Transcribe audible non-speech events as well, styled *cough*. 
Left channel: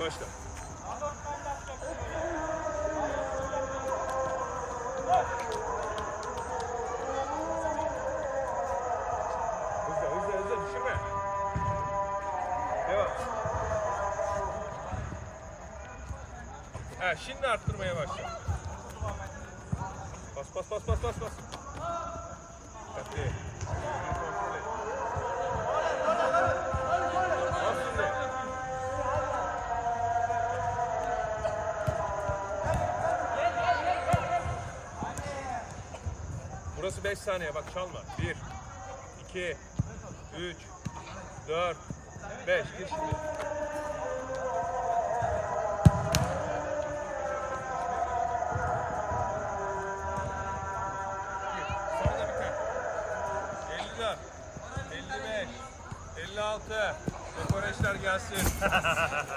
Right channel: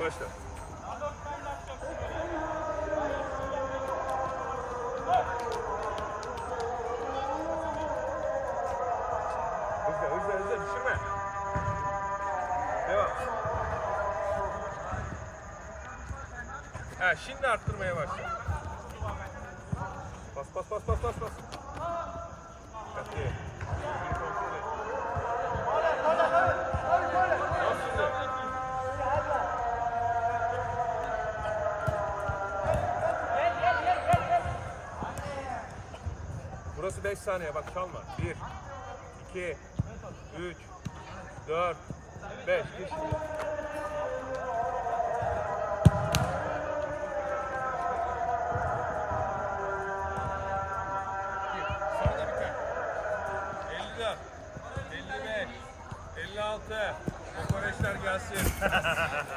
Başla. Hızlı hızlı hızlı düşürme. Devam. Ha şimdi arttırmaya başla. Bas bas bas bas bas bas. Burası 5 saniye bak çalma. 1 2 3 4 5 Gir şimdi. Sonra biter. 54 55 56 Kokoreçler gelsin. *laughs*